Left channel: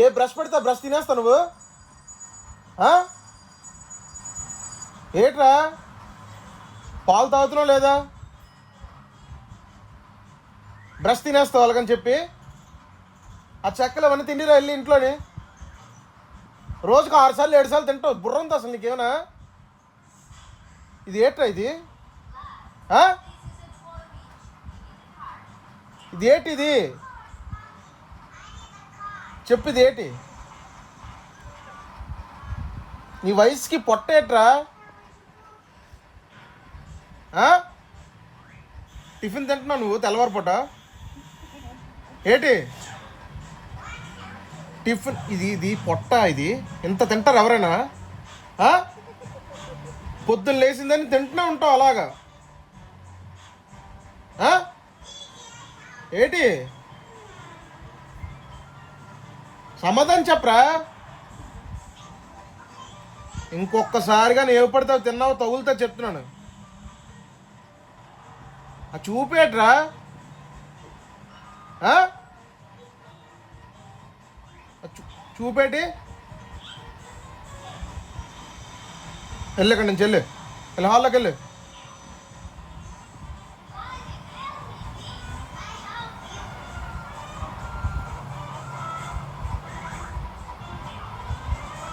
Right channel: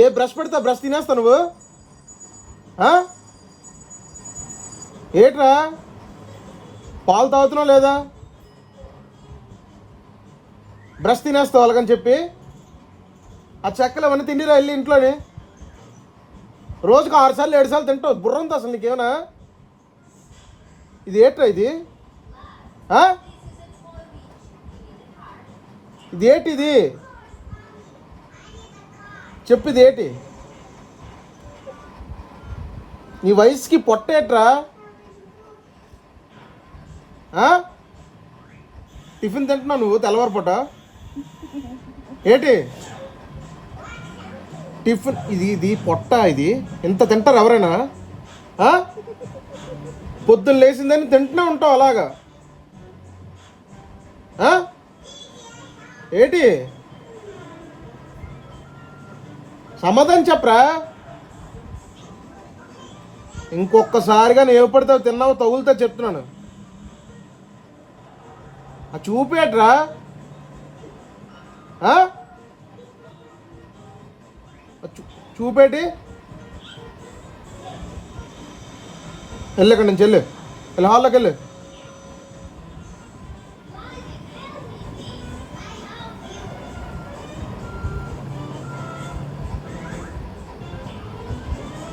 ఏ brush పెడితే brush తినేస్తావు నువ్వు? ఏట్రా పాలు తాగుతున్నావు లేదా? బ్రష్ తినేస్తావు అలాగని చెప్పి ఆ చెక్కలు ఏమన్నా తిండిరా వెళ్ళి ఇంట్లోని. రోజుకు 6 సార్లు 7 సార్లు తింటావు. బుర్రంతో అసలు నీకేమన్నా? ఇది ఏట్రా ఇది? ఇది ఏంటి? ఇది చెప్పు, ఇది ఏంటి? నీ వయసుకి పొట్టేట్రా? టిఫిన్ తింటున్నావు నువ్వు తెల్లవారు పూట? ఏంటి టిఫిన్? ఇది పొట్ట? ఇది ఇంత తింటారు ఎవరైనా? పొద్దున్న లేచిందని తింటూనే ఉంటావు అలాగా? ఏంటి సమాధానం చెప్పరా? ఇంకొకసారిగా నేను పడితే తిన్నావు తగులుతా చెప్తున్నాను. చూపేట్రా? చూపేటి వెళ్ళు, ఇక్కడి నుంచి వెళ్ళు, హాల్లోకి వెళ్ళు.